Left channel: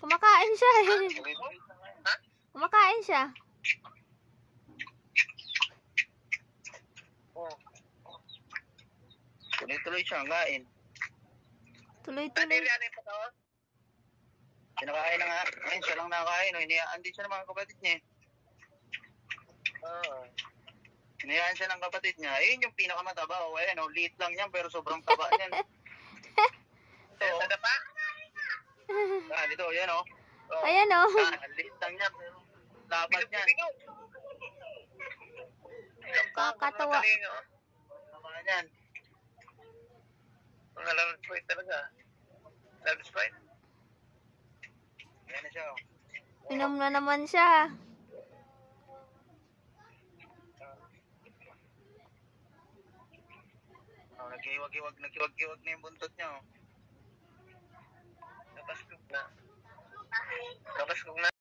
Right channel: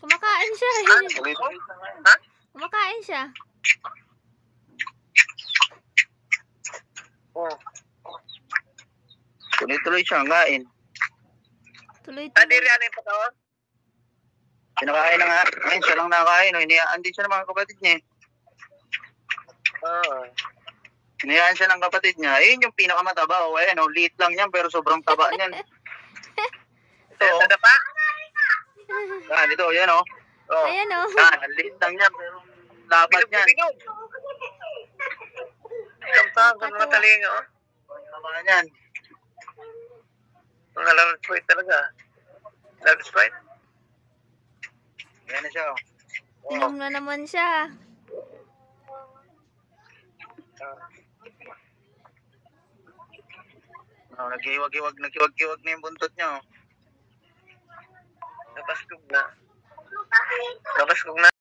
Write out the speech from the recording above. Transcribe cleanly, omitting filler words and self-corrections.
Kumakain siya eh. Ha? Kumakain siya. Oh. Tuloy-tuloy siya, kain. Tuloy-tuloy. Ano yung pataon? Pinakain na nga. Ayun, siya lang nakain. Hiniyaan din siya ng mga kapatid niya. Oo. Hiniyaan siya ng kapatid niya. Ayun yung pinakamataba. O, ayan, liit lang yan, pero sobrang taba niyan. Ito, sa dapa? Ito, yan o. Oh. Ayan o. Ang liit lang niya, pero lapat niyan. Ang mataling, oh. Taba niyan. Mga large fight talaga. Large fight? Yan na siya, o. Inom na naman siya. Nagkiwag-kiwag na yung buntot niya, o. Napaskog na. Napaskog na.